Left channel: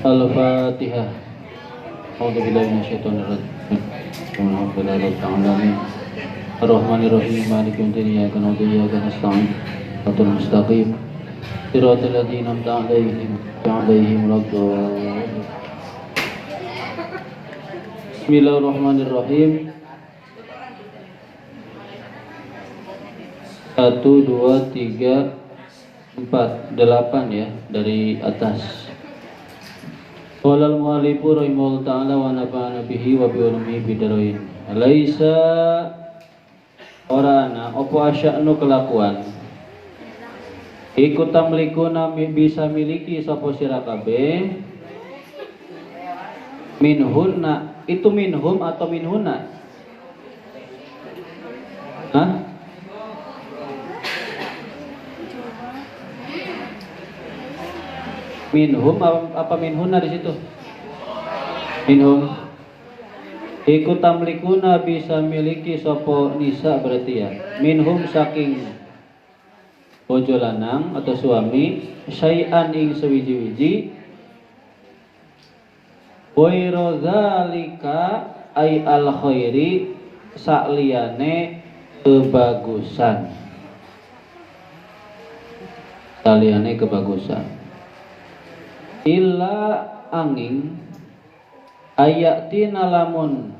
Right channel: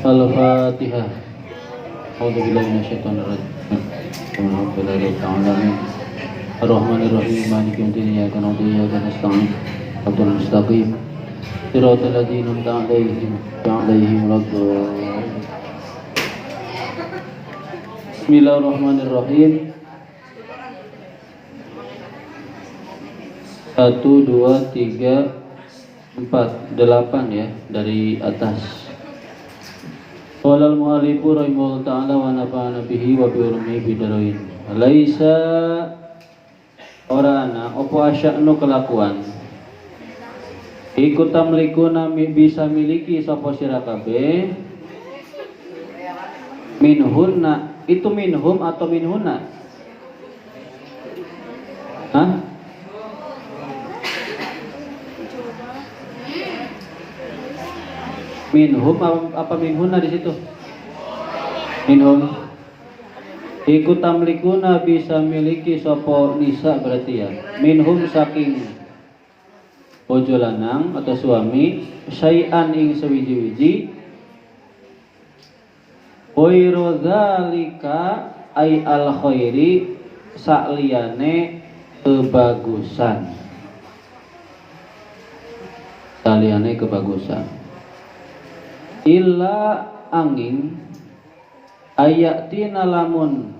Al-Fatihah. A'udzubillahi minasyaitonir rajim. Bismillahirrahmanirrahim. Ar-Rahmanir-Rahim. Maliki yaumiddin. Iyyaka na'budu wa iyyaka nasta'in. Shiratal mustaqim. Shiratal ladzina an'amta 'alaihim ghairil maghdubi 'alaihim. Bismillahirrahmanirrahim. 1 2 3 4 8 ya dari atas. Qala al-mu'allifu rahimahullahu ta'ala wa nafa'ana bihi wa bi ulumi bidarain. Laisa orana opo asya'nu kelakuan iku tamlikuna bisa miliki sapa sira kabeh minhunna, itu minhum atau minhunna? Hah? Minhum apa minhunna di situ? Minhum. Iku tamlikuna bisa miliki sopo nisa berarti ya. Minhum saking bojo lanang atau suami syai'an ing sewiji-wiji. Wairu dzalika ay al khairi sakliyane kebagusan. Sakliyane kebagusan. Illa angin ayatina lamun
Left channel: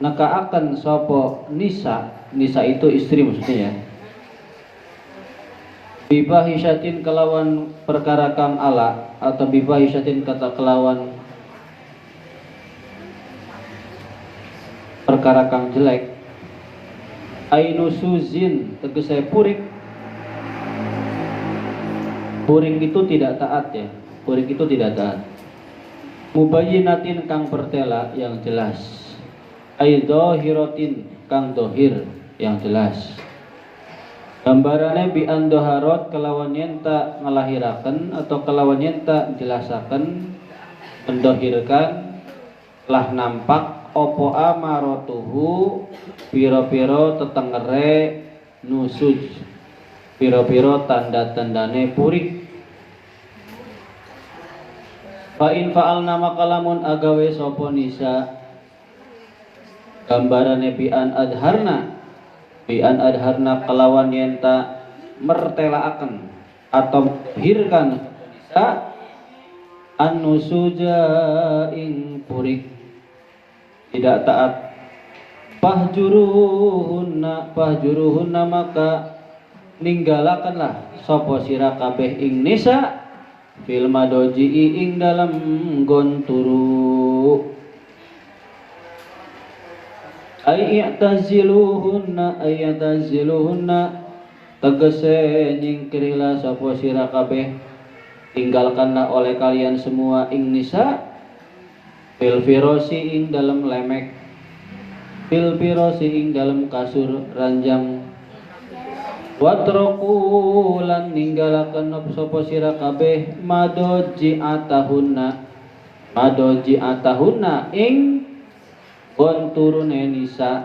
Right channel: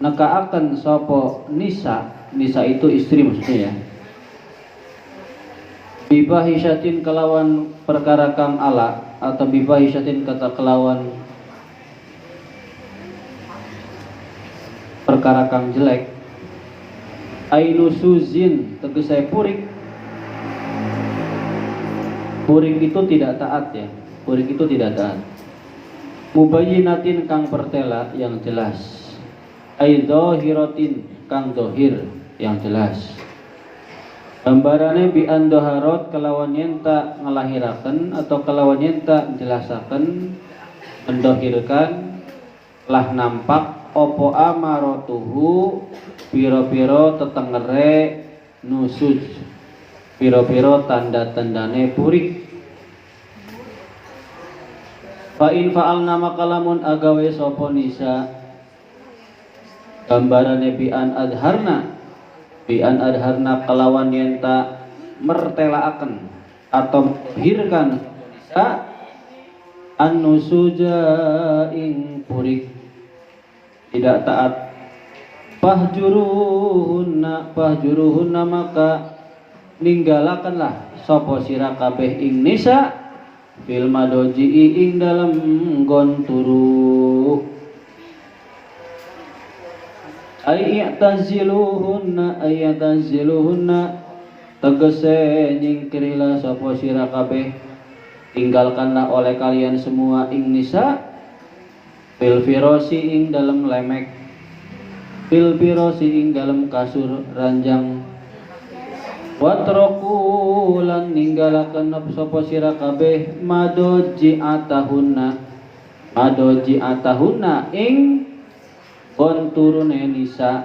nekaaken sapa nisa itu istri maksudnya ya, bibahisyatin kelawan perkara kang ala atau bibahisyatin kata kelawan perkara kang jelek, ainusuzin tegese purik itu tidak taat ya. Purik itu tidak taat. Mubayyinatin kang pertela yang jelas. Aidhahiratin kang dohir yang jelas. Gambarane bi andoharot kelawan yen tak ngelahiraken atau kelawan yen tak jelasaken mendohirkan lah nampak opo amarotuhu piro-piro tetengere nusuj, piro-piro tanda-tandane purik. Fa'in fa'alna makalamun agawe sopo nisa gambarane bi'an adharna kelawan yenta mertelaaken atau hirkan nisa an-nusuja ing purik tidak taat pahjuruhunna maka ninggalakanlah sopo sira kabeh ing nisa fil madoji ing dalam gonturu ayataziluhunna tegese nyingkirilah sapa sira kabeh tinggalkanlah oleh kalian semua ing nisa fil firosi ing dalam lemek, fil firosi ing dalam kasur ranjang, watroku lan ninggalaken sapa sira kabeh madoji atahunna ing konturune nisa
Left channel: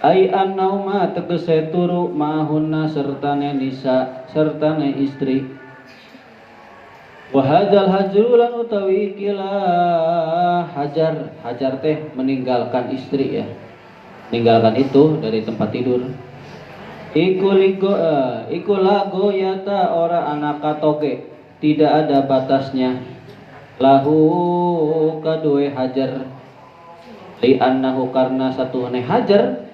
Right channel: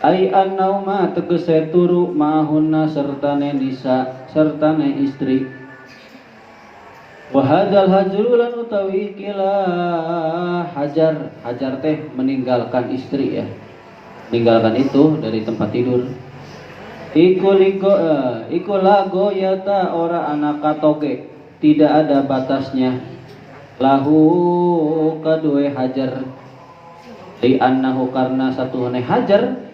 ai annauma tegese turu mahunna sertane nisa sertane istri. Wa hadzal hajru lan utawi kila hajar teh meninggalkan istri ya, meninggalkan itu dari tempat tidur. Iku lago yata ora anak katoke, tidak ada batasnya. Lahu kadue hajar li annahu karena satu hajar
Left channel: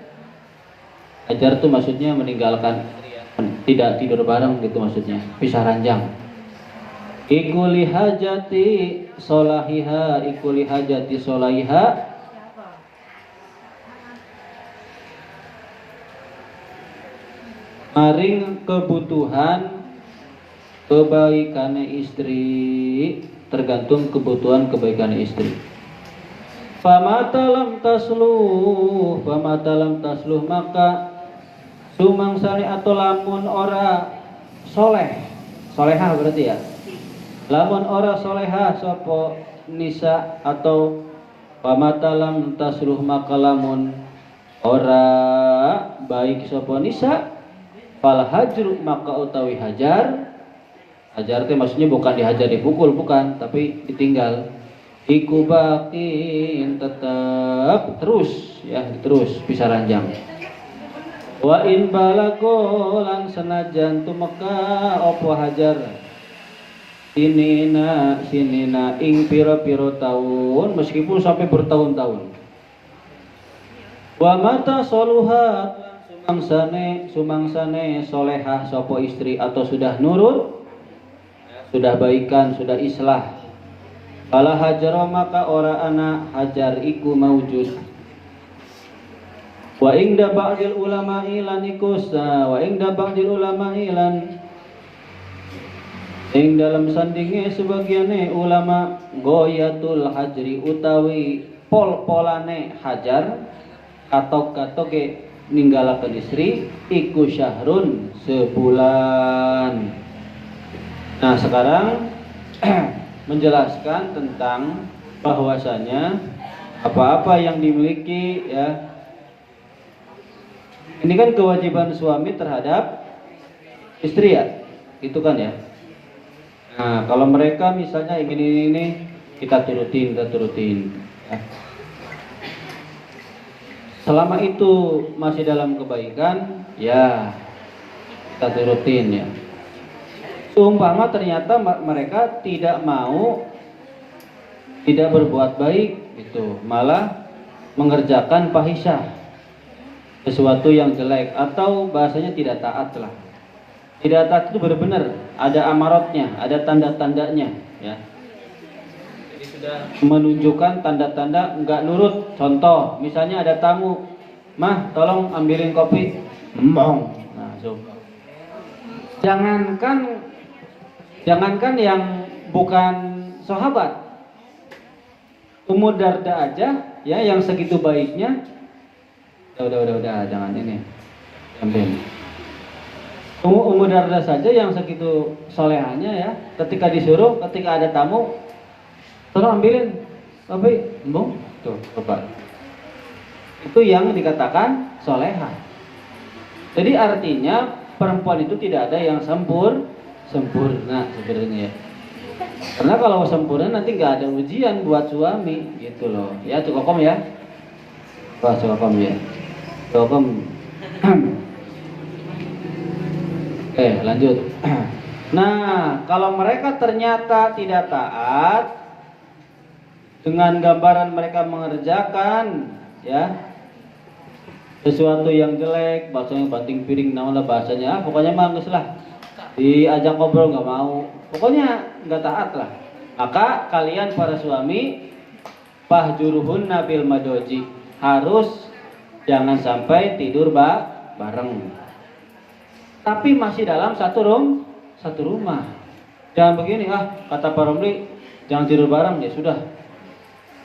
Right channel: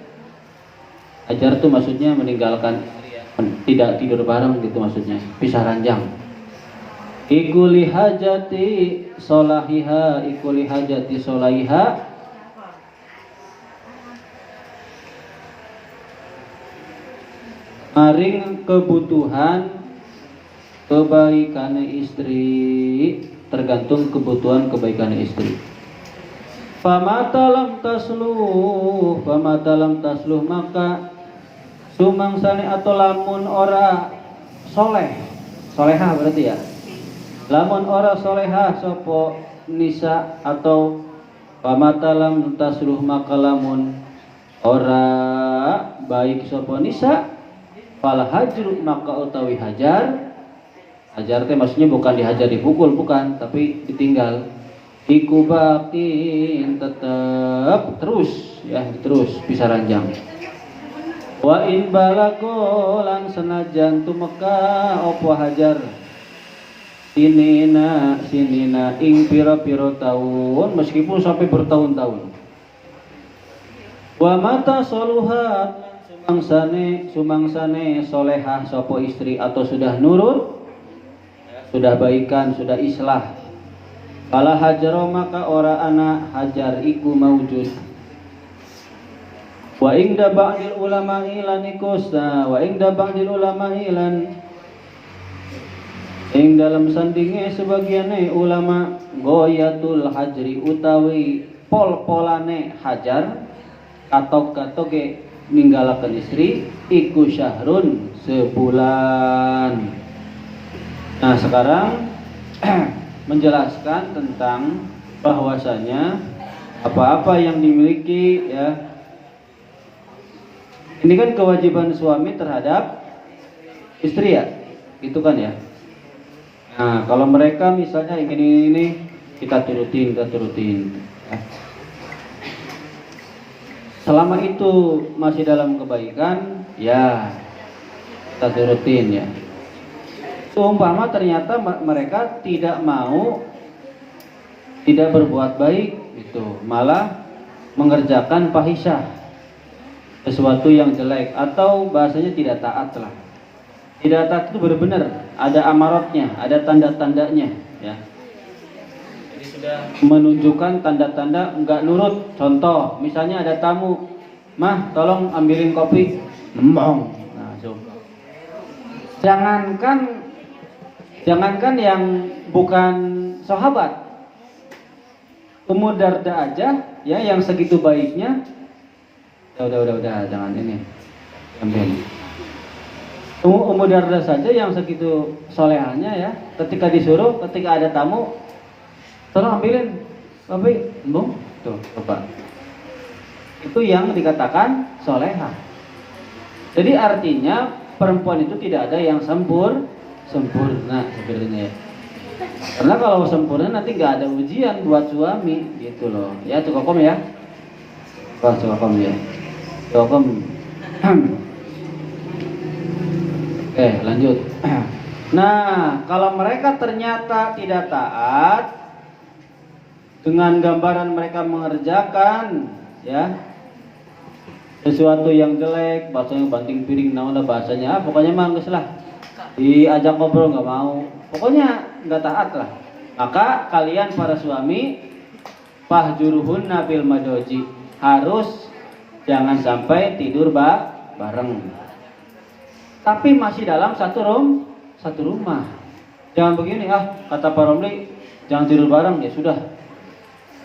itu maksudnya meninggalkan, tidak tidur bareng gitu maksudnya, pisah ranjang. Iku lihajati solahiha maring kebutuhan kebaikannya istri, tergantung kebutuhan kebaikannya istri. Famatalam tasluh maka sumangsani atau lamun ora solehah berarti ya, lamun ora solehah sapa nisa atau famatalam tasluh maka lamun ora baik sapa nisa fal hajru maka utawi hajar Hajar teh maksudnya bukan dihajar dipukul, bukan, tapi ditinggal. Iku bakin tetap terus ya, terus bisa ranjang. Wa in balago lan senajan tumeka opo hajar sinina ing piro-piro tahun, meskipun sampai bertahun-tahun. Wa mata soluhat sumangsane solehah sopo istri atau sudah nurut, sudah baikan, sudah islah. Fala hajaro maka ora ana hajar iku maujud. Wa ingda ba'dil ulama'i lan ikusa wa ingda ba'dil ulama'i lan ing dalam sandinge sebagiane ulama goyatul hajri utawi pol-polane hajar katok-katoke ninggalaken istri iku syahrun sebulan. Nah sekarang menjelaskan tentang bahwasanya apa-apa yang dimiliki ya, ini kan kewajiban suami terhadap istri ya, gitu kan ya. Nah kalau mereka misalnya ingin ini kita turutin ya. Selama itu masih dalam kebaikan ya kita turutin ya. Seumpama ternyata mereka tidak mau, tidak berbuat baik gitu, malah mengerjakan fahisyah, sesuatu yang jelek, atau bahasanya tidak taat lah. Tidak taat itu benar-benar ada amaratnya, ada tanda-tandanya ya. Jadi sudah menunjukkan tanda-tanda enggak nurut. Contoh, misalnya ada tamu, "Mah, tolong ambilin kopi." Nah, coba. Jangankan yang bukan sahabat, Ummu Darda aja ya yang segitu baiknya, udah jangan ini. Ummu Darda saja yang segitu solehahnya ya, ketika disuruh, ketika ada tamu, tolong ambilin kopi, Bung. Tuh, coba. Itu yang dikatakan solehah. Jadi artinya perempuan itu tidak ada yang sempurna sebenarnya. Karena kalau sempurna nanti nggak ada ujian buat suami gitu loh. Ya cukup ya. Wah cukup ya. Cukup. Oke lanjut. Nah kalau mereka ternyata tidak taat, dengan gambaran mereka mengerjakan ya sesuatu yang jelek, bahasanya banting piring, namanya bahasanya, pokoknya mangges lah, diajak ngobrol nggak mau, pokoknya nggak taat lah. Maka kalian para suami fahjuruhunna bil madoji, harus jangan sampai tidur bareng, tapi masih dalam satu rumah. Jangan begini, kata Pak Romli, jangan tidur bareng, ya sudah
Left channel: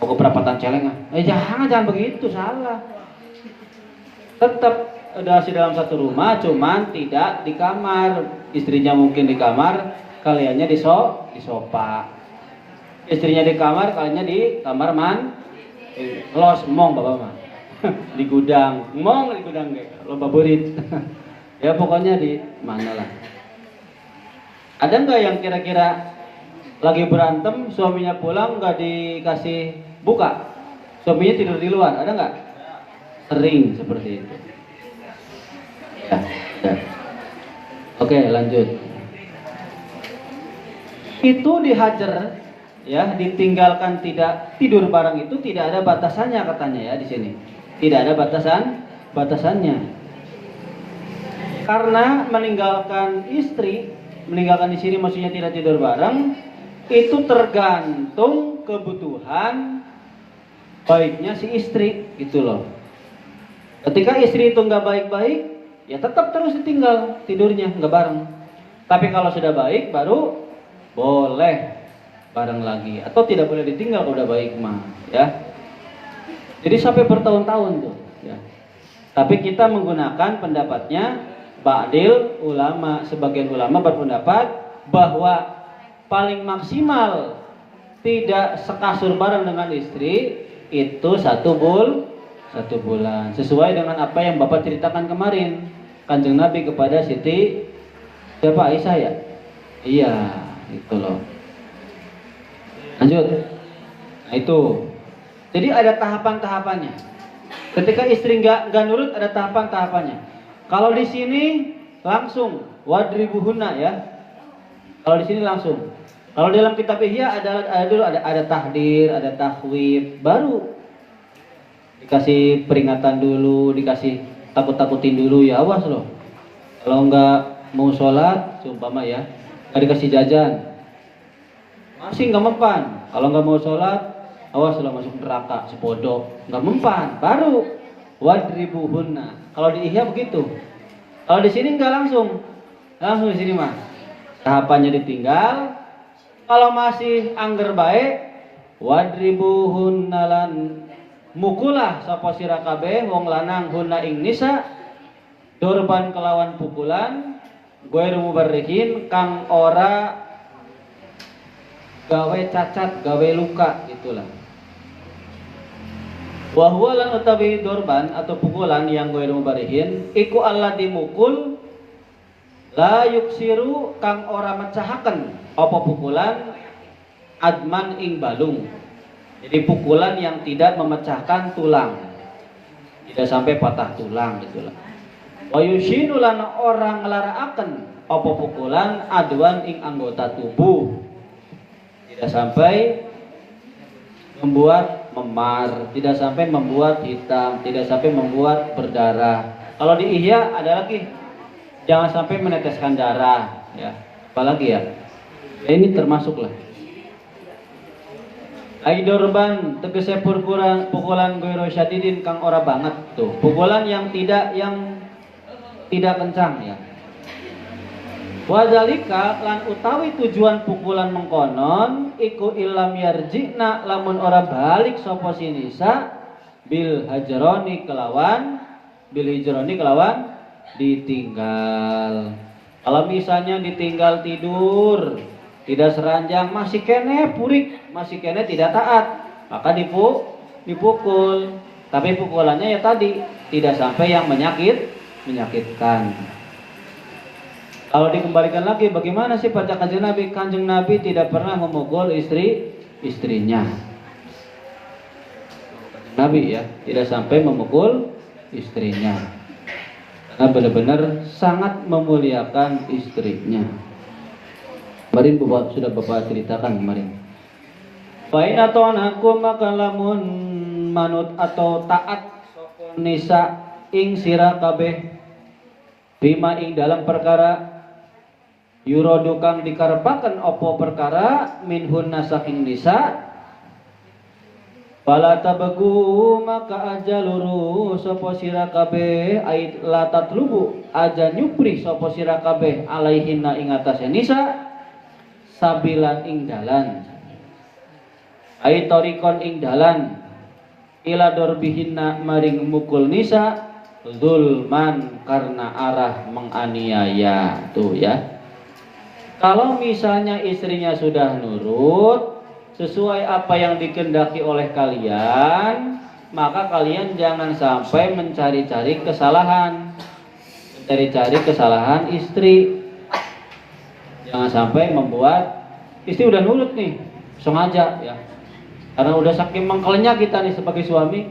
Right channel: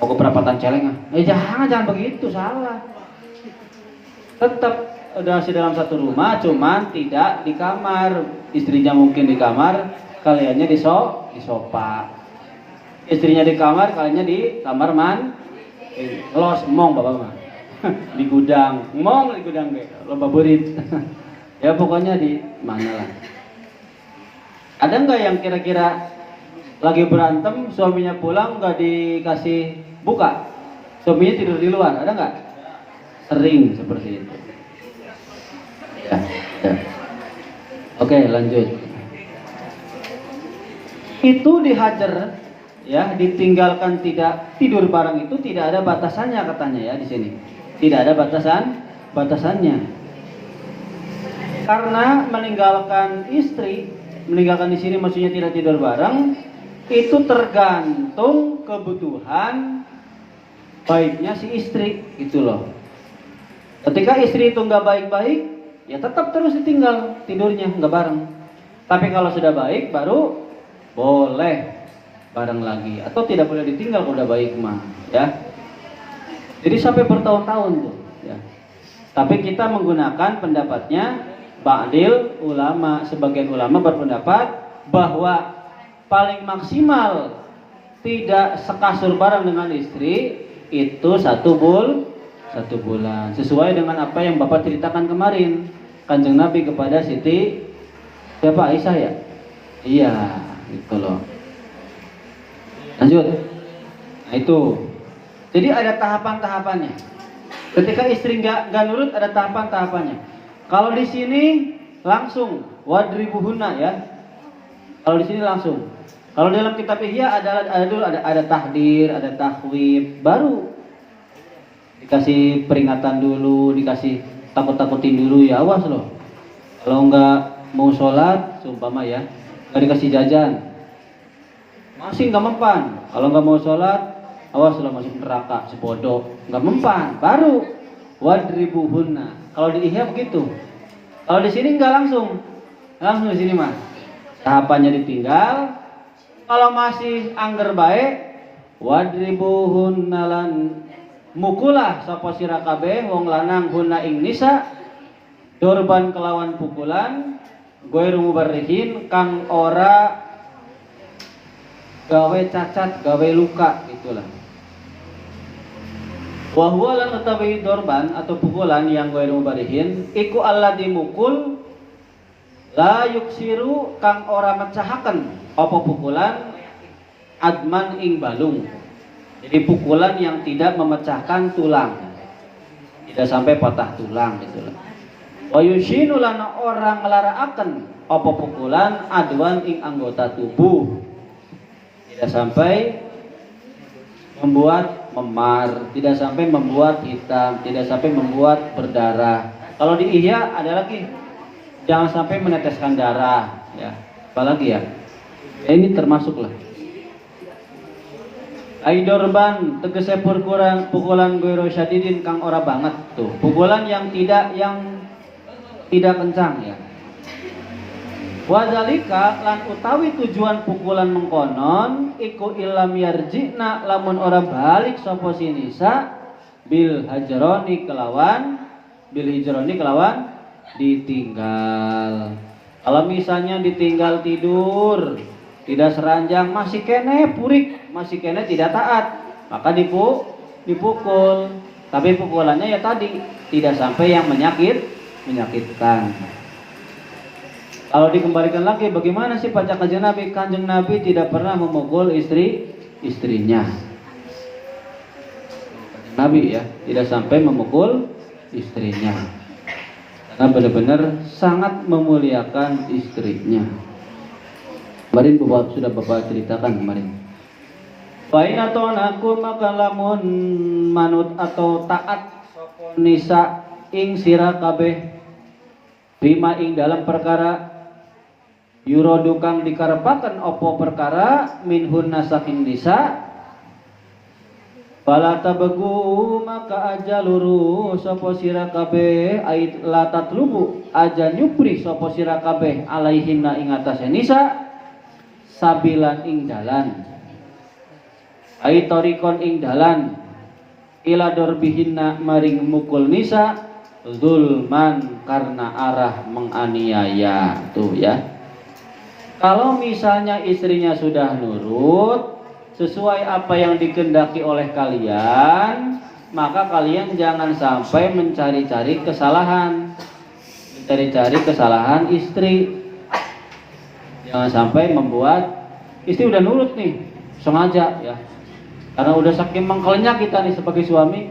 mau ke perapatan celengan. Jangan begitu, salah. Tetap masih dalam satu rumah, cuman tidak di kamar. Istrinya mungkin di kamar, kaliannya di sofa. Istrinya di kamar, kaliannya di kamar los mong bapak mah. Di gudang, mong di gudang deh, lomba berit. Ya pokoknya di mana lah. Ada nggak yang kira-kira lagi berantem, suaminya pulang nggak dikasih buka, suaminya tidur di luar, ada nggak? Sering seperti itu. Ya. Oke, lanjut. Itu dihajar, ya, ditinggalkan tidak tidur bareng itu tidak ada batasannya katanya ya di sini. Tidak ada batasannya. Karena meninggalkan istri, meninggalkan di sini maksudnya tidak tidur bareng, itu tergantung kebutuhan baiknya si istri, gitu loh. Ketika istri itu nggak baik-baik, ya tetap terus ditinggal tidurnya nggak bareng. Tapi kalau sudah baik, baru boleh bareng lagi. Atau tidak boleh ditinggal kalau udah baik mah, ya. Jadi sampai bertahun-tahun tuh. Ya. Tapi kita menggunakan pendapatnya ba'dil ulama. Sebagian ulama berpendapat bahwa paling maksimal tidak sekasur bareng dengan istri itu satu bulan, sesuai dengan apa yang Bapak ceritakan kemarin, Kanjeng Nabi kepada Siti siapa, Aisyah ya? Iya, gitu loh. Lanjut. Nah itu. Jadi ada tahapan-tahapannya. Ketika istri nggak nurut ada tahapan-tahapannya. Kalau di sini langsung wadribuhunna ya. Kalau di sini langsung. Kalau dalam kitab Ihya ada tahdir, ada tahwib, baru dikasih peringatan dulu, dikasih takut-takutin dulu ya, awas loh. Kalau nggak mau sholat, seumpama ya, nggak dikasih jajan, masih nggak mempan. Kalau nggak mau sholat, awas loh masuk neraka, sebodoh, nggak mempan. Baru wadribuhunna. Kalau di Ihya begitu. Kalau di sini nggak langsung di sini mah tahapannya ditinggal. Kalau masih angger baik, wadribuhunna lan mukulah sapa sira kabeh wong lanang hunna ing nisa dorban kelawan pukulan goer mubarrihin kang ora gawe cacat gawe luka gitulah. Wa huwa lan utawi dorban atau pukulan yang goer mubarrihin iku alladzi mukul la yuksiru kang ora mecahaken apa pukulan adman ing balung. Jadi pukulan yang tidak memecahkan tulang, tidak sampai patah tulang gitulah. Wa yushinu lan orang melaraaken apa pukulan adwan ing anggota tubuh, tidak sampai membuat memar, tidak sampai membuat hitam, tidak sampai membuat berdarah. Kalau di Ihya ada lagi, jangan sampai meneteskan darah ya. Apalagi ya, ini termasuklah aidorban tegese pukulan goiro syadidin kang ora banget tuh, pukulan yang tidak kencang ya. Wadzalika lan utawi tujuan pukulan mengkonon iku ilam yarjina lamun ora balik sapa sinisa bil hijroni kelawan ditinggal. Kalau misalnya ditinggal tidur, tidak seranjang, masih kene purik, masih kene tidak taat, maka dipukul. Tapi pukulannya ya tadi tidak sampai yang menyakitkan. Kalau dikembalikan lagi, bagaimana sih baca kanjeng Nabi? Kanjeng Nabi tidak pernah memukul istrinya. Kanjeng Nabi ya tidak sampai memukul istrinya. Karena benar-benar sangat memuliakan istrinya. Kemarin sudah Bapak ceritakan kemarin. Fa'in atau aku maka lamun manut atau taat sapa nisa ing sira kabeh bima ing dalam perkara yurodu kang dikarepaken opo perkara minhun saking nisa bala tabegu maka aja luru sapa sira kabeh ait latat lubu aja nyupri sapa sira kabeh alaihinna ing atase nisa sabilan ing dalan ait torikon ing dalan ila dorbihinna maring mukul nisa zulman karena arah menganiaya tuh ya. Kalau misalnya istrinya sudah nurut sesuai apa yang dikehendaki oleh kalian, maka kalian jangan sampai mencari-cari kesalahan istri. Jangan sampai membuat istri udah nurut nih sengaja ya, karena udah saking mengkelnya kita nih sebagai suami,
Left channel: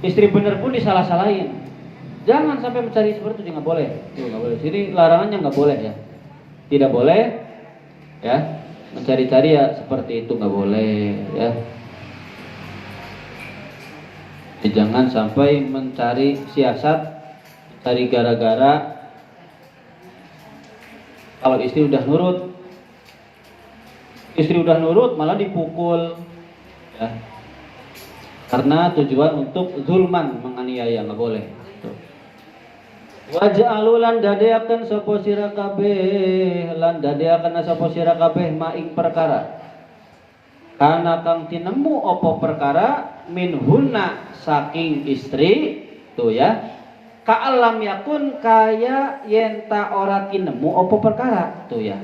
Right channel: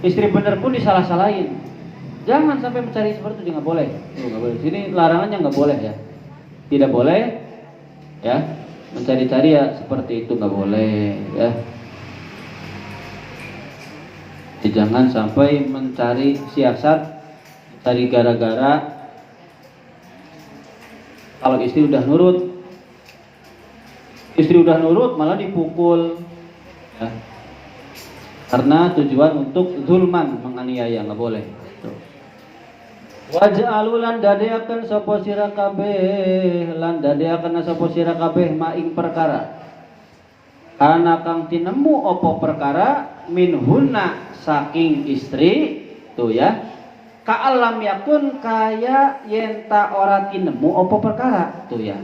istri bener pun disalah-salahin. Jangan sampai mencari seperti itu, nggak boleh. Sini larangannya nggak boleh ya, tidak boleh ya. Mencari-cari ya seperti itu nggak boleh ya. Jangan sampai mencari siasat, mencari gara-gara. Kalau istri udah nurut malah dipukul ya. Karena tujuan untuk zulman, menganiaya, nggak boleh. Waja'alulan dadeaken sapa sira kabeh maing perkara kana kang tinemu apa perkara minhunna saking istri tuh ya ka'alam yakun kaya yen ta ora tinemu apa perkara tuh ya.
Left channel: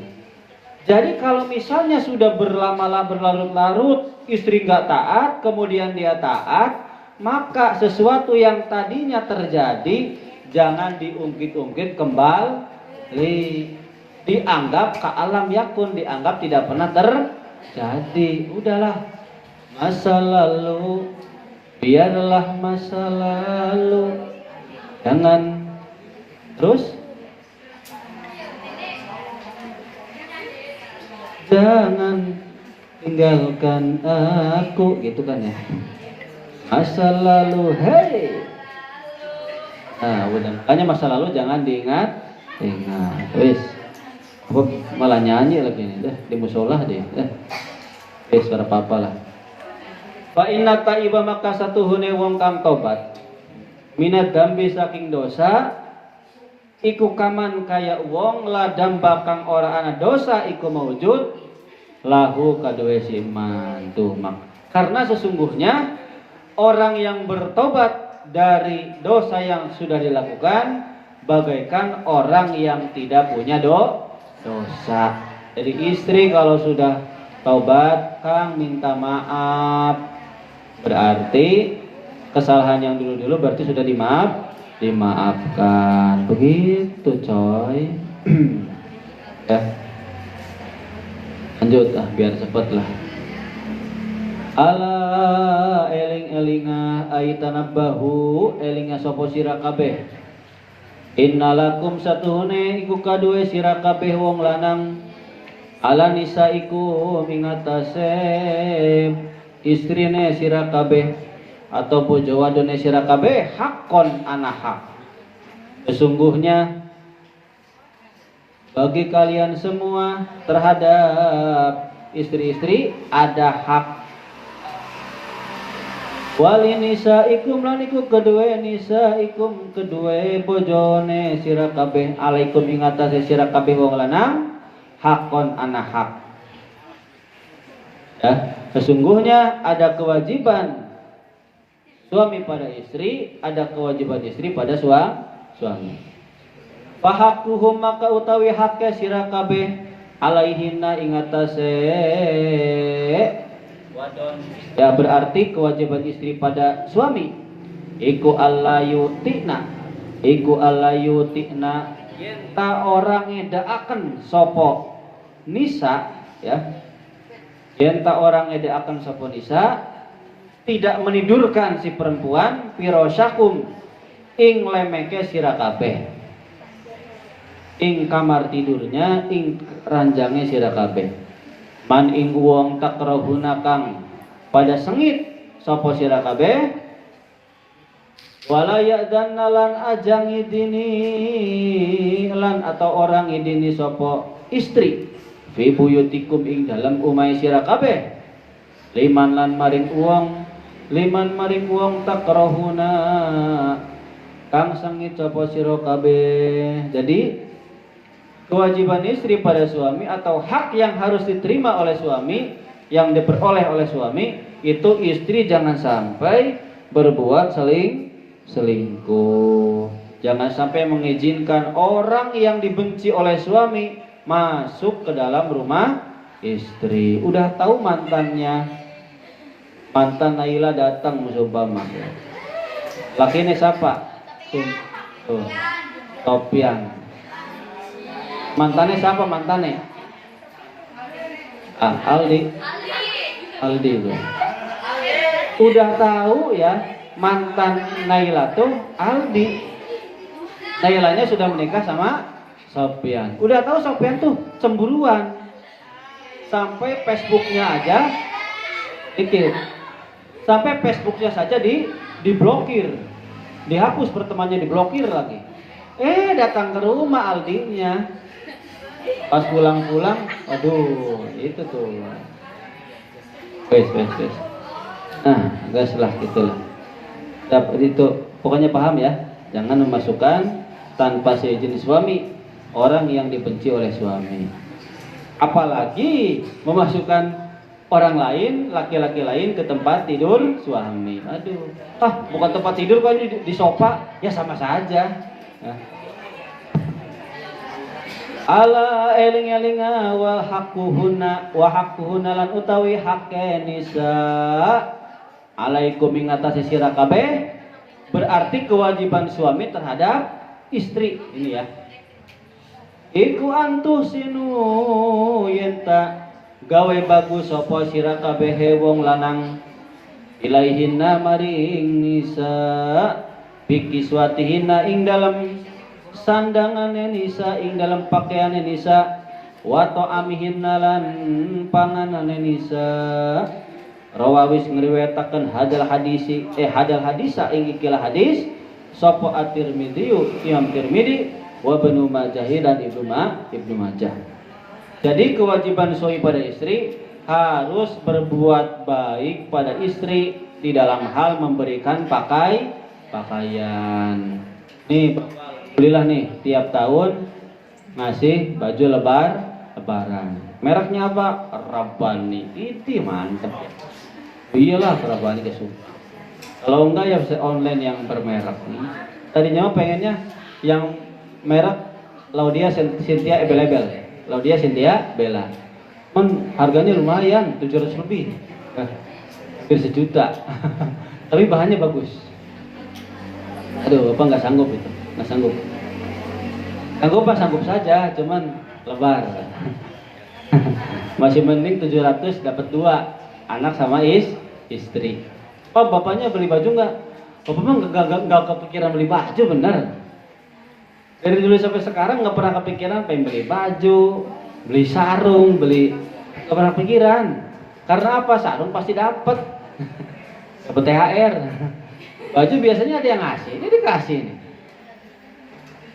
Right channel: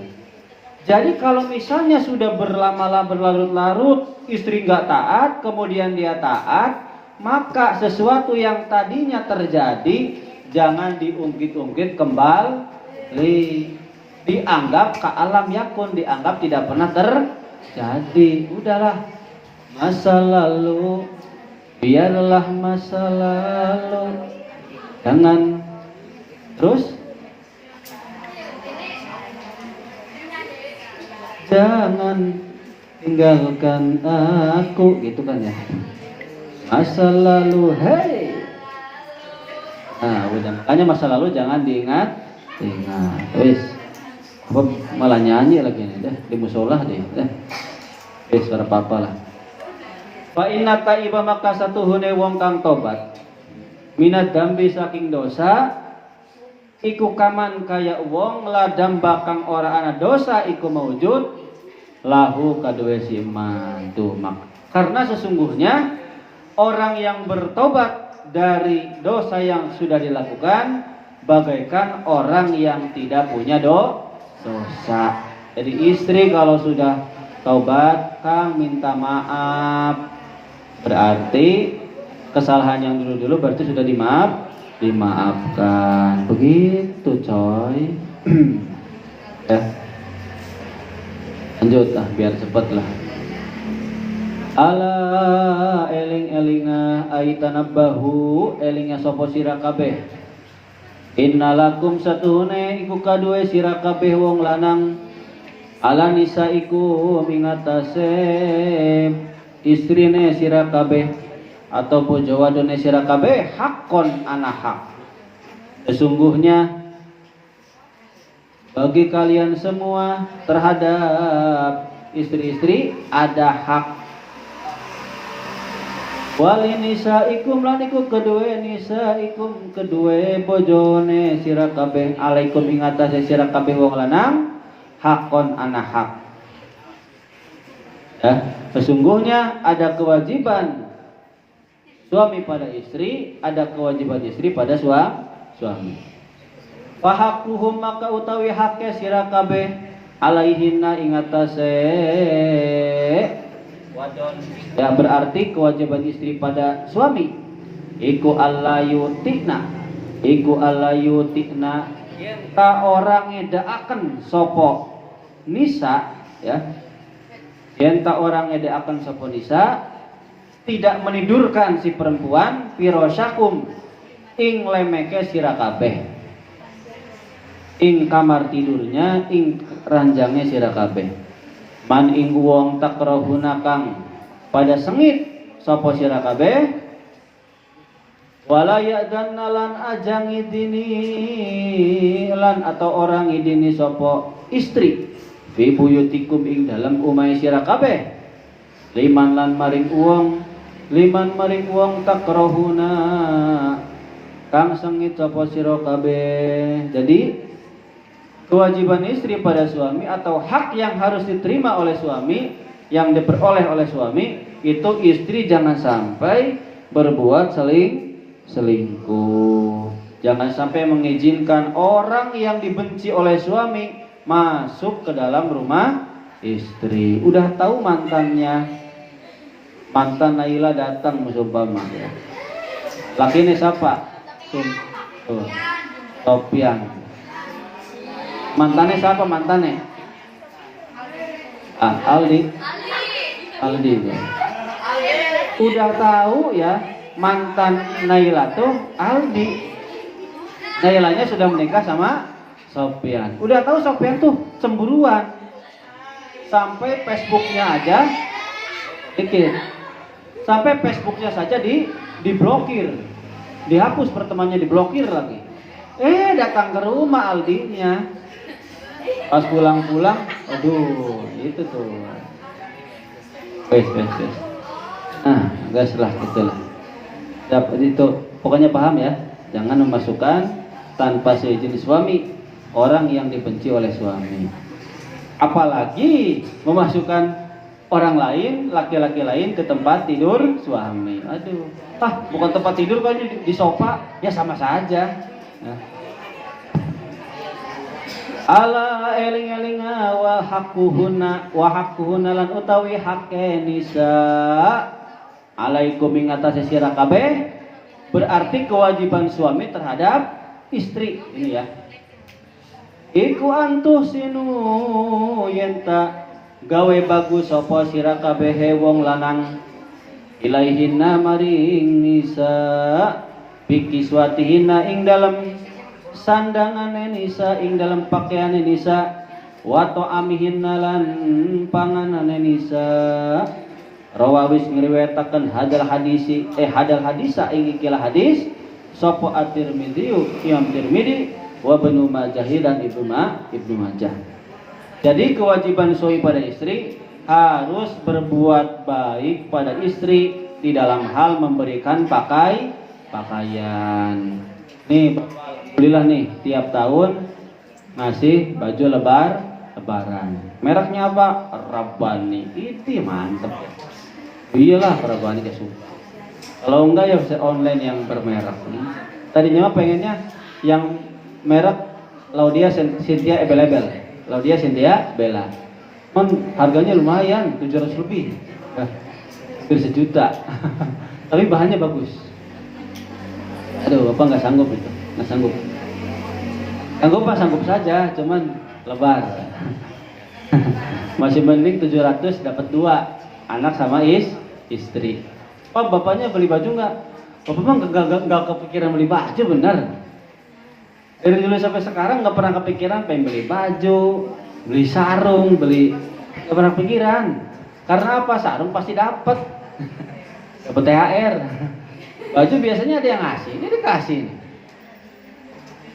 Jadi kalau misalnya sudah berlarut-larut istri nggak taat kemudian dia taat, maka sesuatu yang tadinya terjadi jangan diungkit-ungkit kembali, dianggap ka alam yakun, dianggap tidak pernah terjadi. Udahlah, masa lalu biarlah masa lalu, jangan terus jangan tinggalkan aku, gitu kan ya, masa lalu, hey. Nah, udah, makanya masa lalu jangan diingat. Wis, malah nyanyi lagi nih, dah di musola deh, wis ora apa-apa lah. Fa inna taiba, maka satuhune wong kang tobat minat dambi saking dosa iku kaman kaya wong ladam bakang ora ana dosa iku maujud lahu kaduwe siman tuh mak. Karena sesungguhnya orang yang bertobat dari dosa yang sudah dilakukan bagaikan orang yang tidak punya dosa. Jadi istri kalau sudah taubat, Kang minta maaf, berarti kesalahan yang dulu-dulu berarti sudah dimaafkan. Begitu coy. Ya. Lanjut lah biar cepet lah. Ala eling-elinga aitanabbahu, elinga sapa sira kabeh. Innalakum satuhune iku kaduwe sira kabeh wong lanang ala nisa iku mingatase istrine sira kabeh atau bojo wadone sira kabeh hakon ana hak. Sesungguhnya bagi kalian semua terhadap istri-istri ada hak. Wali nisa ikum lan iku kedue nisa ikum kedue bojone sira kabeh alaikum ing atase sira kabeh wong lanang hakon ana hak. Ya, sesungguhnya ada kewajiban suami pada istri, ada kewajiban istri pada suami. Fahakuhum maka utawi haknya sira kabeh alaihinna ing atase wadon. Ya berarti kewajiban istri pada suami iku allayutikna, iku allayutikna yen ta orang ngedaaken sapa nisa, ya yen ta orang ngedaaken sapa nisa tidak menidurkan si perempuan pirosyakum ing lemeke sira kabeh, ing kamar tidurnya, ing ranjangnya sira kabeh. Man ing wong takrahuna kang pada sengit sapa sira kabeh wala ya'danna lan ajang idini lan atau orang idini sapa istri fi buyutikum ing dalam umai sira kabeh liman maring wong takrahuna kang sengit sapa sira kabeh. Jadi kewajiban istri pada suami atau hak yang harus diterima oleh suami, yang diperoleh oleh suami, itu istri jangan sampai berbuat selingkuh. Jangan sampai mengizinkan orang yang dibenci oleh suami masuk ke dalam rumah istri. Udah tahu mantannya, mantan Naila datang musumpama. Laki ini siapa? Sopian. Mantannya siapa mantannya? Aldi ya. Udah tahu ya mantan Naila tuh Aldi. Nailanya sudah menikah sama Sopian. Udah tahu Sopian tuh cemburuan. Sampai Facebooknya aja dikit. Sampai Facebooknya saja diblokir. Dihapus pertemanannya, diblokir lagi. Datang ke rumah Aldinya. Pas pulang-pulang, aduh, itu tuh. Wes. Nah, gas lah gitulah. Dapat itu, pokoknya paham ya. Jangan memasukkan tanpa seizin suami orang yang dibenci oleh suami. Apalagi memasukkan orang lain, laki-laki lain ke tempat tidur suami. Aduh, bukan tempat tidur kok ini di sofa, ya sama saja. Nah. Ala eling-elinga wa haqquhunna lan utawi hakke nisa alaikum ing atase sira kabeh berarti kewajiban suami terhadap istri ini ya. Iku antuh sinu yenta gawe bagus sapa sira kabeh wong lanang ilaihinna maring nisa bikiswatihinna ing dalam sandangane nisa ing dalam pakaiane nisa wa ta'amihinna lan panganane nisa rawawis ngriwayataken hadal hadisa ing ikilah hadis sapa at-Tirmidzi Imam Tirmidzi wa Ibnu Majah dan Ibnu Majah. Jadi kewajiban suami pada istri harus berbuat baik pada istri di dalam hal memberikan pakaian. Nih Bapak, alhamdulillah nih tiap tahun ngasih baju lebaran. Mereknya apa? Rabbani. Itu mantep ya. Iyalah Rabbani dia suka. Kalau enggak ya bisa online yang bermerek nih. Tadinya pengennya yang merek Laudia Cynthia Ebel-Ebel, Laudia Cynthia Bella. Harganya lumayan, 700 lebih. Hampir sejuta. Tapi bahannya bagus. Aduh, Bapak nggak sanggup itu, nggak sanggup. Sanggup saja, cuman lebar. Masih mending 700 dapat 2 anak sama istri. Oh, bapaknya beli baju nggak? Bapak mah nggak kepikiran beli baju, benar. Dari dulu sampai sekarang nggak pernah kepikiran pengen beli baju, beli sarung, nggak pernah pikiran. Karena apa? Sarung pasti dapat THR. Baju biasanya ada yang ngasih, ini dikasih nih.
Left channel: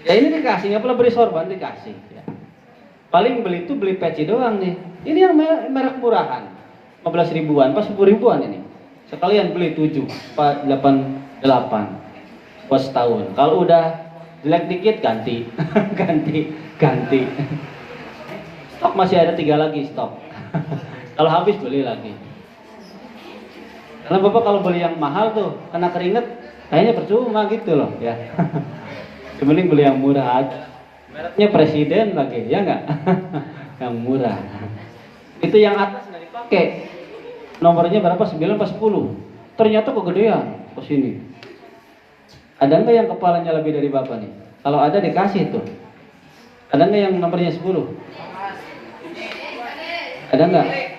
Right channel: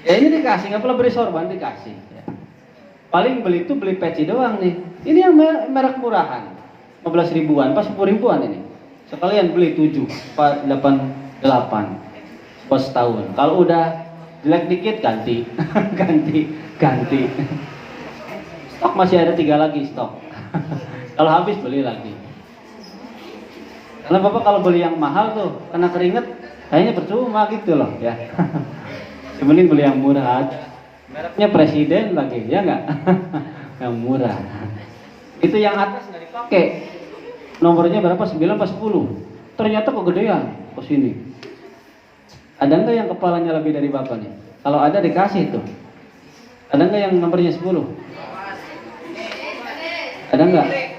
Ya ini dikasih, nggak perlu beli sorban dikasih. Ya. Paling beli itu beli peci doang nih. Ini yang merek murahan, 15 ribuan, pas 10 ribuan ini. Sekalian beli 7, 8, 8 pas setahun. Kalau udah jelek dikit ganti. ganti. Stok masih ada 3 lagi stok. Kalau habis beli lagi. Karena Bapak kalau beli yang mahal tuh kena keringet kayaknya percuma gitu loh ya. Mending beli yang murah aja. Mereknya Presiden lagi ya enggak? Yang murah. Itu yang atas nggak dipakai. Nomornya berapa? 9 atau 10. Ternyata kegedean ke sini. Ada nggak yang kepalanya lebih dari Bapak nih? Kalau ada dikasih tuh. Ada nggak yang nomornya 10? Ada nggak?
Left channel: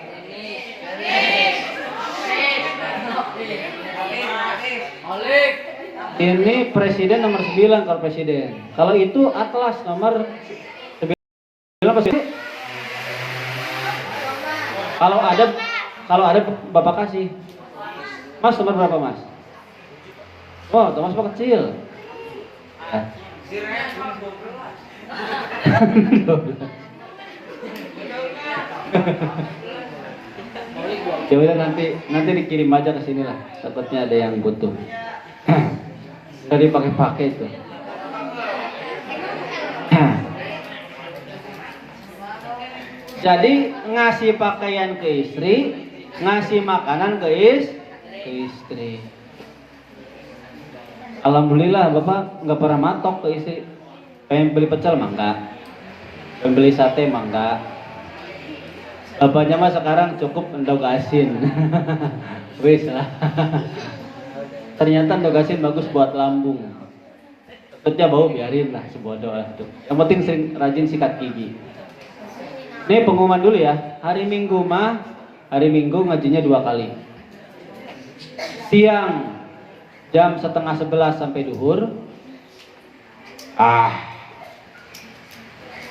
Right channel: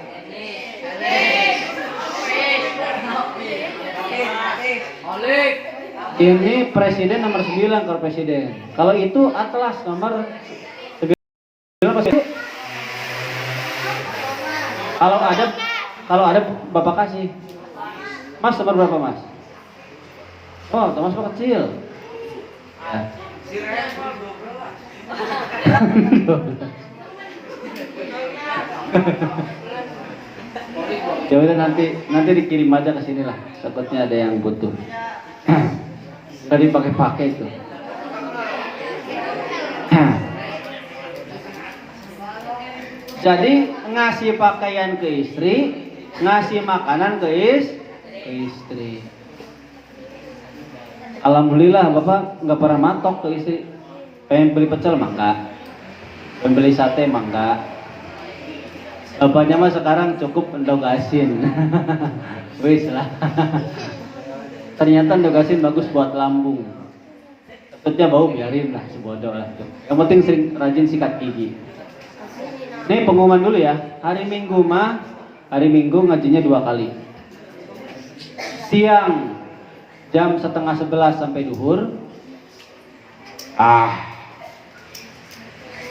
Ini presiden nomor 9 kalau presiden. Kalau itu atlas nomor 9 presiden. Kalau ada Bapak kasih. Mas nomor berapa Mas? Oh, Mas Bapak kecil. Ya. Ya udah nanti dikirim aja ke sini lah. Takutnya ada yang butuh. Tadi pakai itu. Jadi ngasih pakaian ke istri, ngasih makanan ke istri. Alhamdulillah Bapak nggak pernah matok ke istri. Pengen beli pecel mah enggak. Pengen beli sate mah enggak. Bapaknya mah sekarang cukup endog asin. Wis lah. Ternyata endog asin bagus buat lambung. Takutnya bau biarin lah, sebodoh lah. Yang penting sering rajin sikat gigi. Ini pengumuman dulu ya. Hari Minggu ngajinya 2 kali. Siang jam 10:30 sampai duhur.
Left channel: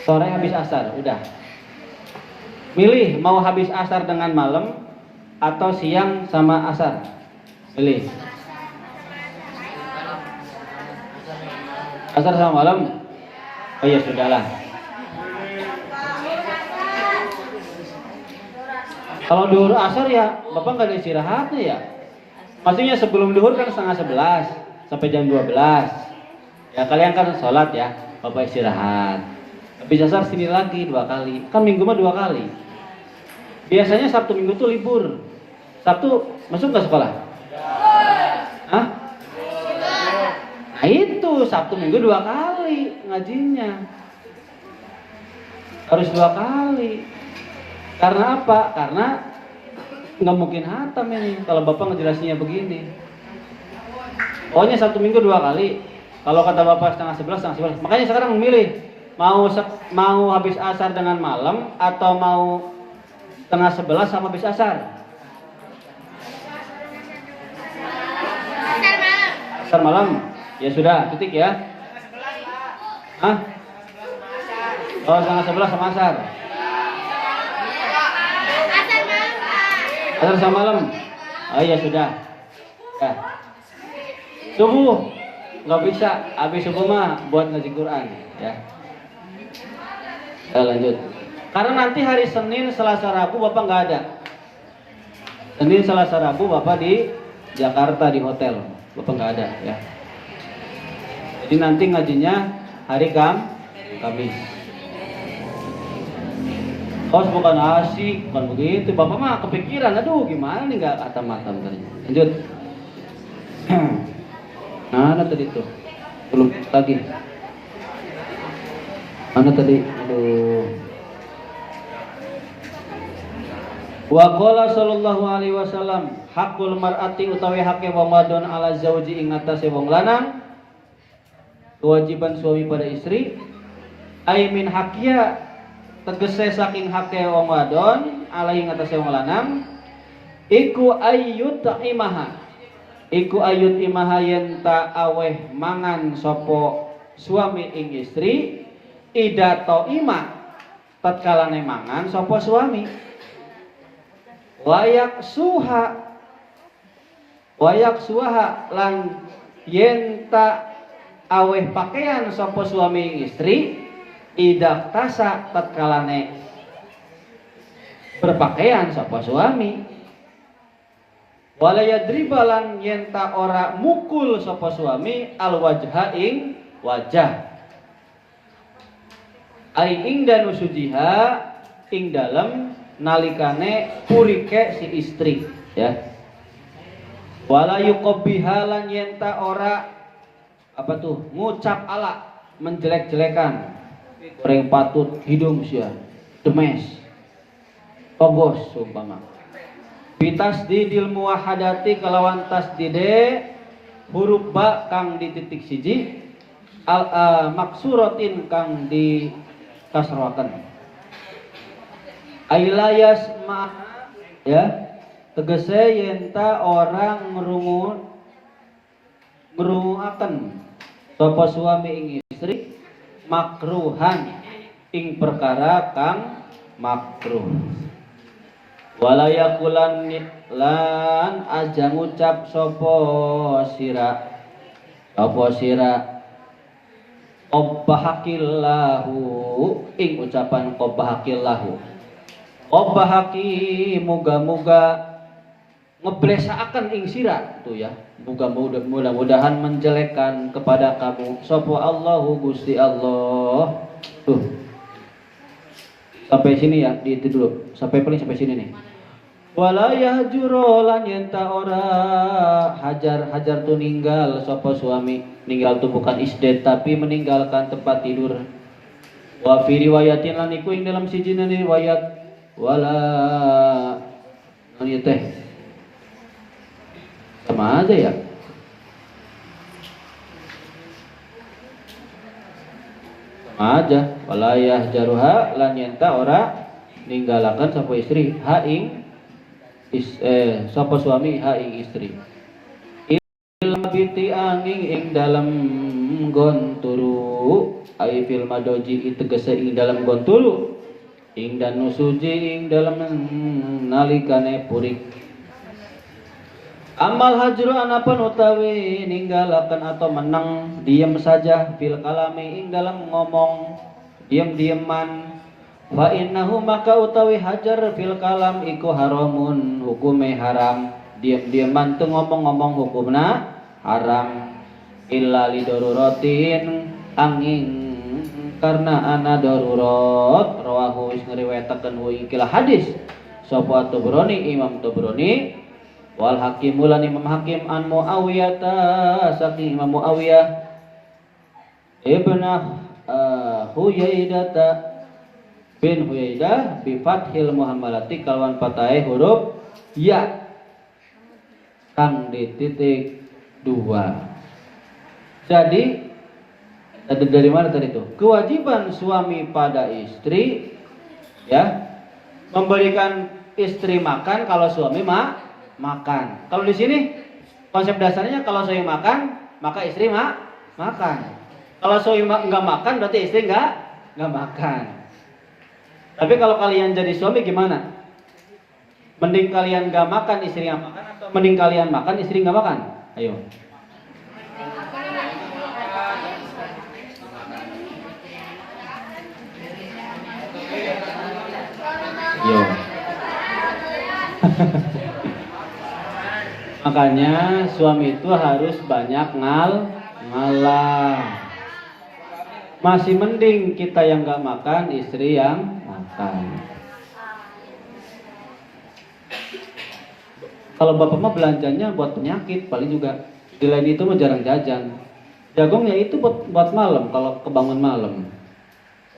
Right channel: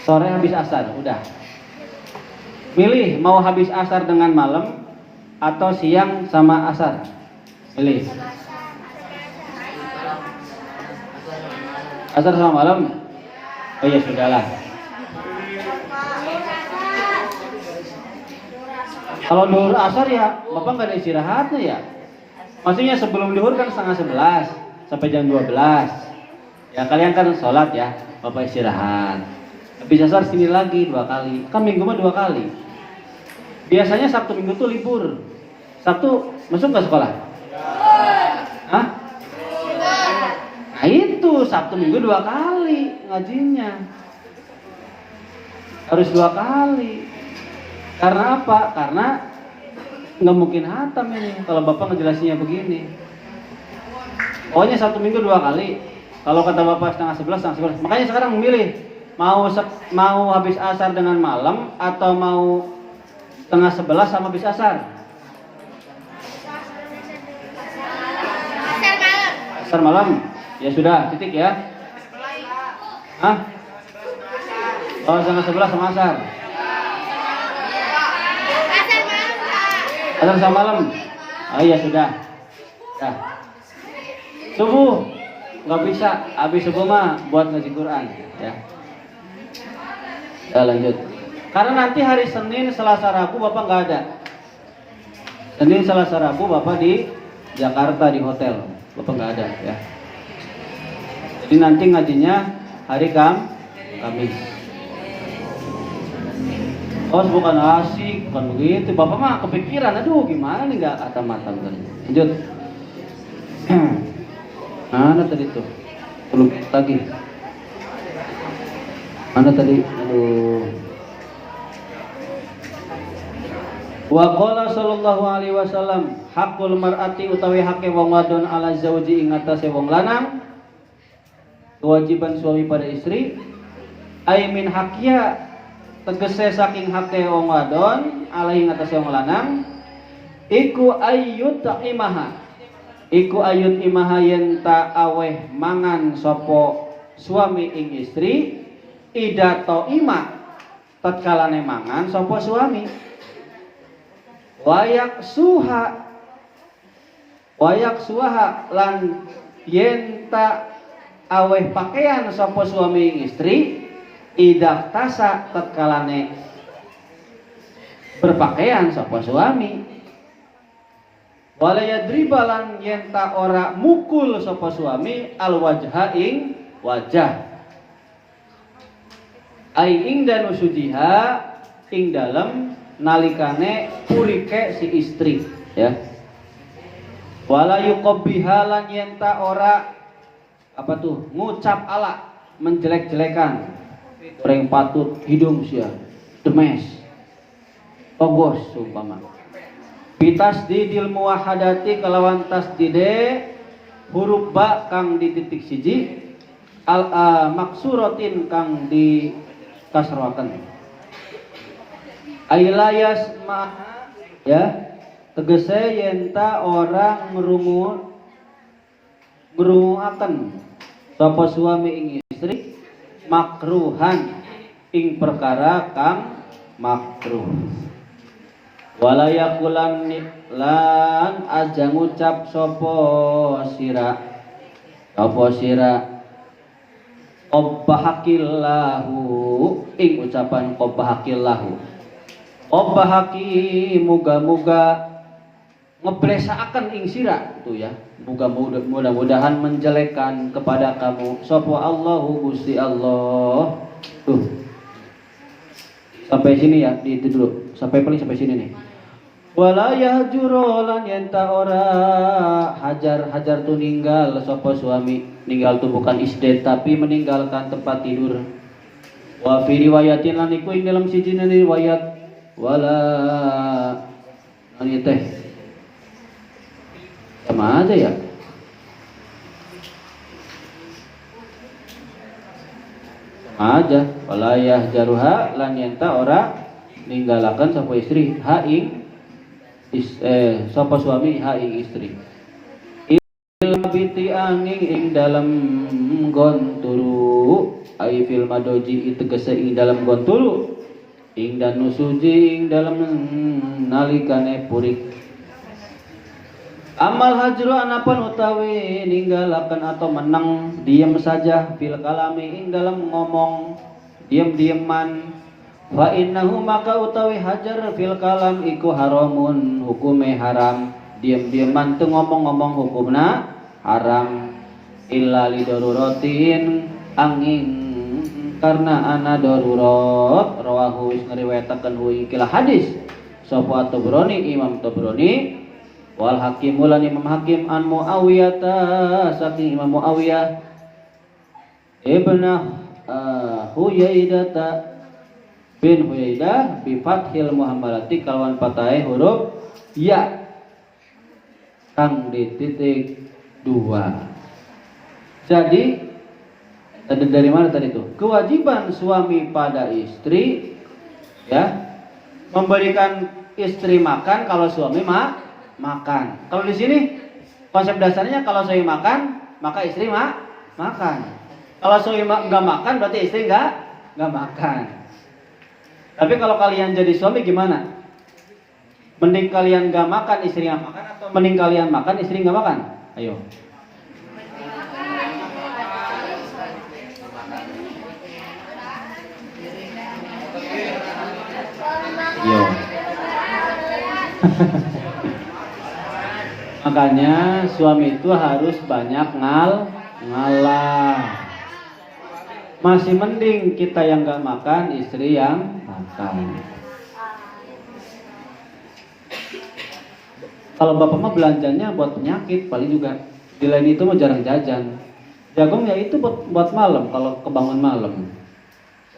Sore habis asar, udah. Milih mau habis asar dengan malam atau siang sama asar. Milih. Asar sama malam. Oh ya sudahlah. Kalau duhur asar ya, Bapak nggak ada istirahatnya ya. Maksudnya sebelum duhur kan 10:30 sampai jam 12. Ya kalian kan sholat ya, Bapak istirahat. Habis asar sini lagi 2 kali. Kan minggu mah 2 kali. Biasanya Sabtu Minggu tuh libur. Sabtu masuk nggak sekolah? Hah? Nah itu Sabtu Minggu 2 kali ngajinya. Harus 2 kali. Karena apa? Karena nggak mungkin hatam ini kalau Bapak ngejelasinnya begini. Pokoknya Sabtu Minggu 2 kali. Kalau kata Bapak 10:30, 10:30. Makanya sekarang memilih mau habis asar dengan malam atau mau setengah 11 sama habis asar? Asar malam. Ya sudah, titik ya. Hah? Oh, setengah 11 sama asar. Asar sama malam. Oh iya sudah. Ya. Subuh nggak bisa, habis subuh mah buat ngaji Quran ya. Ya lanjut. Karena nanti hari Senin, Selasa, Rabu Bapak nggak ada. Senin, Selasa, Rabu Bapak di Jakarta di hotel. Bapak nggak ada ya. Jadi nanti ngajinya hari Kamis. Oh bukan asik, bukan begitu. Bapak mah kepikiran, aduh gimana nih nggak kata makan tadi. Lanjut. Mana tadi tuh? Belum lagi. Mana tadi? Aduh. Wa qala sallallahu alaihi wasallam haqqul mar'ati utawi hake wong wadon ala zauji ing atase wong lanang. Kewajiban suami pada istri ai min hakia tegese saking hake wong wadon ala ing atase wong lanang iku ayyut imaha iku ayut imaha yen ta aweh mangan sapa suami ing istri idato ima tatkalane mangan sapa suami wayak suha lan yen ta aweh pakaian sapa suami ing istri idah tasa tatkalane berpakaian sapa suami wala yadribalan yen ta ora mukul sapa suami al wajha ing wajah ai ing danu sudiha ing dalem nalikane purike si istri ya wala yuqabbihalan yen ta ora apa tuh ngucap ala menjelek-jelekan goreng patut hidung sia demes pogos umpama bitasdidil muwahhadati kelawan tasdide huruf ba kang di titik siji al maksuratin kang di kasroaken ailayas maha ya tegese yen ta ora ngrunguaken sapa suami ing istri makruhan ing perkara kang makruh wala yaqulan lan aja ngucap sapa sira qabbahakillahu ing ucapan qabbahakillahu qabbahaki muga-muga ngeblesaken ing sira tuh ya mudah-mudahan menjelekkan kepada kamu sapa Allahu Gusti Allah tuh sampai sini ya di itu dulu sampai sini nih wala yahjuru lan yenta ora hajar tu ninggal sapa suami ninggal tuh bukan isdet tapi meninggalkan tempat tidur wa fi riwayatin lan iku ing dalam siji riwayat wala teh sama aja ya sama aja wala yahjaruha lan yenta ora ninggalakan sapa istri ha ing sapa suami ha ing istri ilbiti angin ing dalam gonturu ai fil madoji tegese ing dalam gonturu ing dan nusuji ing dalam nalikane purik amal hajru anapun utawi ninggalaken atau menang diam saja fil kalami ing dalam ngomong diam-diaman wa innahu maka utawi hajar fil kalam iku haramun hukume haram diam-diaman teu ngomong-ngomong hukumna haram illa lidaruratin angin karena ana darurat rawahu ngriwayataken hu ikilah hadis sapa Tabrani Imam Tabrani wal hakim ulan Imam Hakim an Muawiyah saking Imam Muawiyah ibnu Huyaidah bin Huyaidah bi fathil muhammalati kalawan fathah huruf ya kang di titik 2. Jadi Dari mana tadi itu? Kewajiban suami pada istri, ya, memberikan istri makan kalau suami makan. Kalau di sini konsep dasarnya kalau suami makan, maka istri makan. Kalau suami nggak makan, berarti istri nggak makan. Tapi kalau kalian jadi suami gimana? Mending kalian nggak makan, istri nggak makan, atau mending kalian makan, istri nggak makan? Ayo. Yo. Makanya suami itu harus banyak ngalah. Masih mending kita yang nggak makan, istri yang makan. Kalau bapak mah belanjanya buat penyakit paling juga. Di lain itu mah jarang jajan. Jagung ya itu buat malam kalau kebangun malam.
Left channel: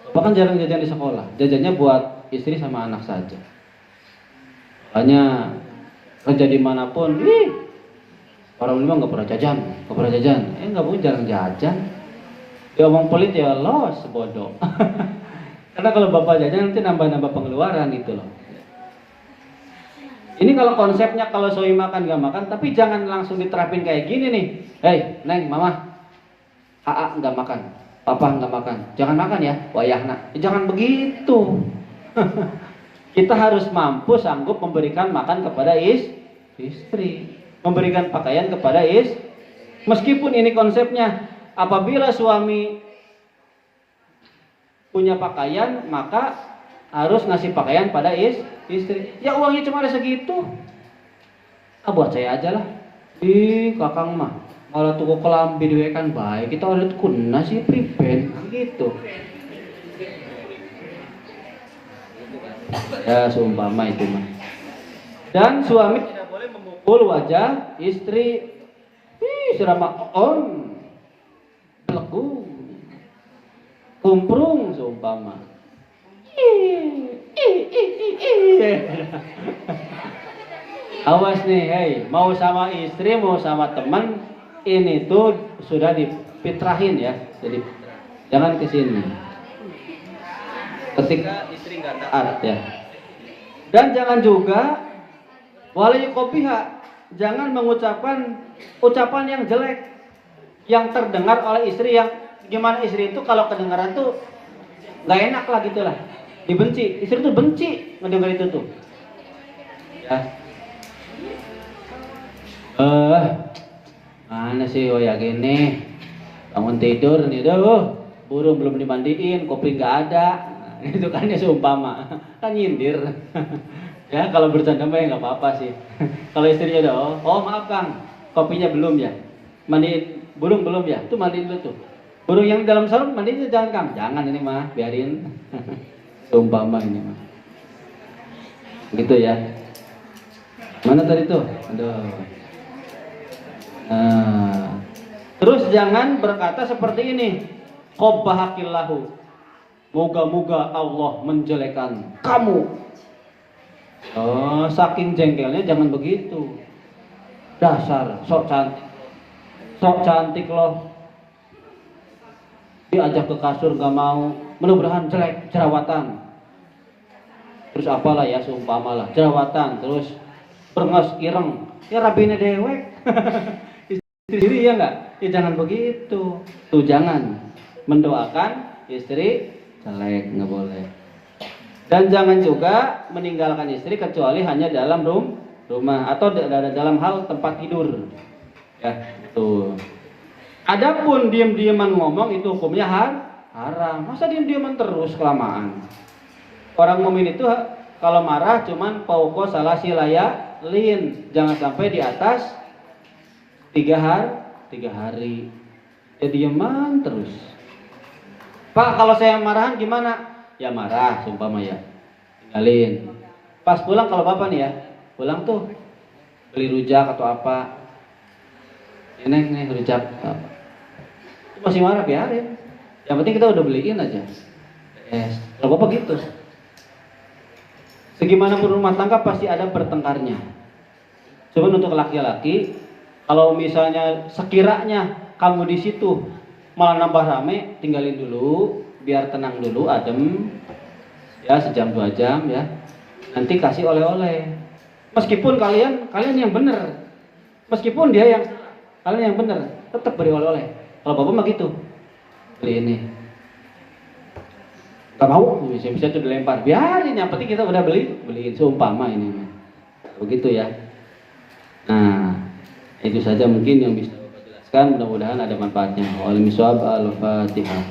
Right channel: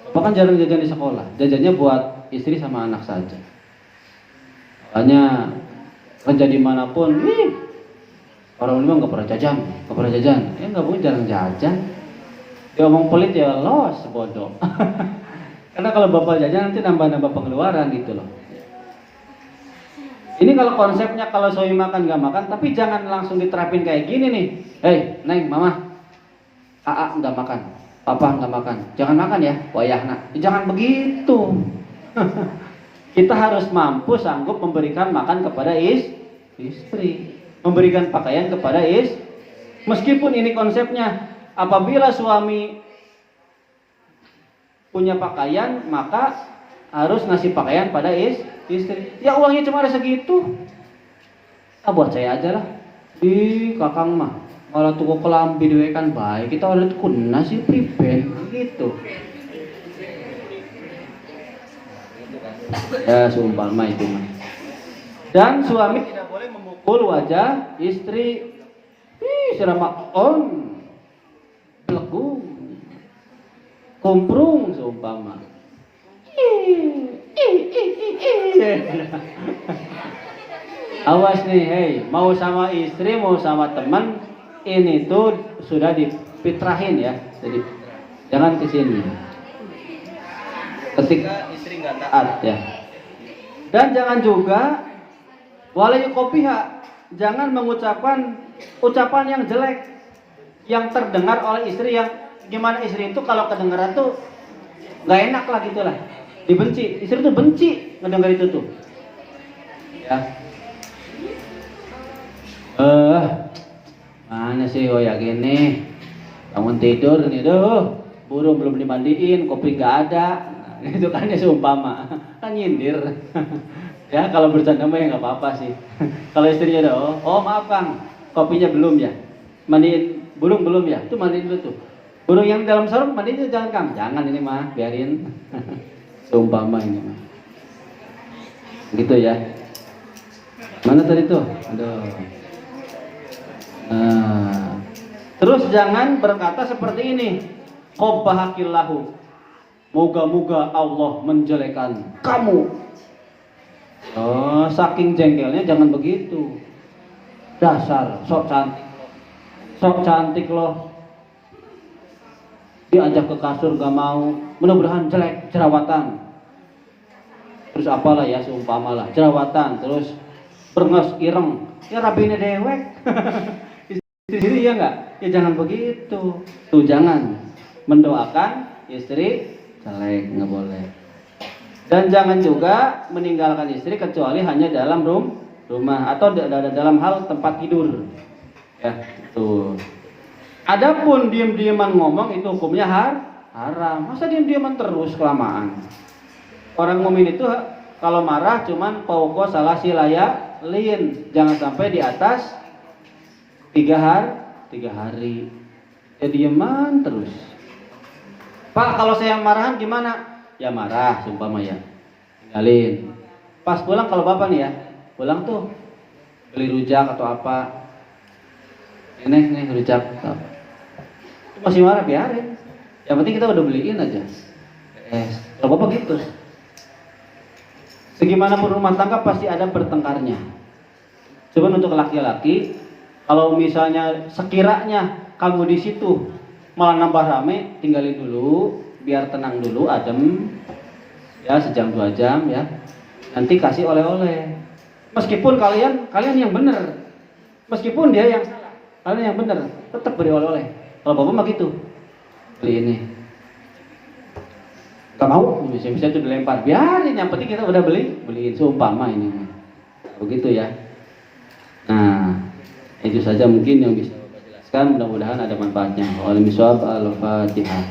Bapak kan jarang jajan di sekolah. Jajannya buat istri sama anak saja. Makanya kerja dimanapun, orang ini nggak pernah jajan. Nggak boleh jarang jajan. Dia ngomong pelit ya los bodoh. Karena kalau bapak jajan nanti nambah pengeluaran gitu loh. Ini kalau konsepnya kalau suami makan nggak makan, tapi jangan langsung diterapin kayak gini nih. Hei, Neng, Mama, Aa nggak makan, Papa nggak makan, jangan makan ya, wayahna. Jangan begitu. Kita harus mampu sanggup memberikan makan kepada istri, memberikan pakaian kepada meskipun ini konsepnya, apabila suami punya pakaian, maka harus ngasih pakaian pada istri. Ya uangnya cuma ada segitu. Buat saya aja lah. Kakang mah malah tuku kelambi dewe kan baik. Kita udah kuna sih priben gitu. Ya seumpama itu mah. Dan suami tidak boleh memukul wajah istri. Sirama belegu, kumprung seumpama. Awas nih, hei, mau sama istri, mau sama teman, ini tuh sudah dipitrahin ya. Jadi jangan kesini. Ketika istri nggak taat ya. Dan jangan juga walayu kopiha, jangan mengucapkan ucapan yang jelek yang terdengar oleh istri, yang gimana istri itu kalau kedengaran tuh nggak enak lah gitulah, dibenci. Istri tuh benci ngedengar itu tuh. Ya. Mana sih ya gini, bangun tidur nih, burung belum dimandiin, kopi nggak ada. Itu kan ya seumpama, kan nyindir. Ya kalau bercanda mah ya nggak apa-apa sih. Kalau istrinya udah, oh maaf Kang, kopinya belum ya, mandiin burung belum ya, itu mandiin dulu tuh. Burung yang dalam sarung mandiin jangan Kang, jangan ini mah, biarin. Seumpama ini mah, gitu ya. Mana tadi tuh? Aduh. Terus jangan berkata seperti ini, Qobbahakillahu, moga-moga Allah menjelekan kamu. Saking jengkelnya jangan begitu. Dasar sok cantik loh. Diajak ke kasur gak mau, mudah-mudahan jelek, jerawatan. Terus apalah ya, seumpama lah, jerawatan, terus berngas ireng, ya rabine dewek. Istri ya enggak? Ya jangan begitu. Tuh jangan mendoakan istri jelek, nggak boleh. Dan jangan juga meninggalkan istri kecuali hanya dalam rumah atau dalam hal tempat tidur. Ya, itu. Adapun diam-diaman ngomong itu hukumnya haram. Masa diam-diaman terus kelamaan? Orang mukmin itu kalau marah cuman pauko salah silaya lin, jangan sampai di atas 3 hari. Ya diaman terus. Pak, kalau saya marahan gimana? Ya marah, sumpama ya, tinggalin. Pas pulang kalau bapak nih ya, pulang tuh beli rujak atau apa, nih rujak. Itu masih marah, biarin. Yang penting kita udah beliin aja. Kalau bapak gitu. Segimanapun rumah tangga pasti ada bertengkarnya. Coba untuk laki-laki, kalau misalnya sekiranya kamu di situ malah nambah rame, tinggalin dulu, biar tenang dulu, adem, ya sejam 2 jam ya. Nanti kasih oleh-oleh. Meskipun kalian yang benar, meskipun dia yang salah, kalian yang benar, tetap beri oleh-oleh. Kalau bapak mah gitu, beli ini, gak mau, bisa tuh dilempar, biarin, yang penting kita udah beliin, seumpama ini, begitu ya. Nah, itu saja mungkin yang bisa bapak jelaskan. Mudah-mudahan ada manfaatnya. Al-Fatihah.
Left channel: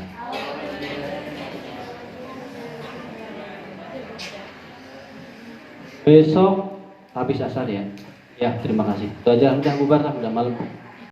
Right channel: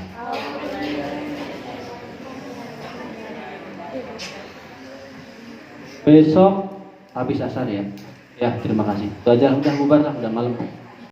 Besok habis asar ya. Ya, terima kasih. Itu aja, udah bubar lah, udah malam.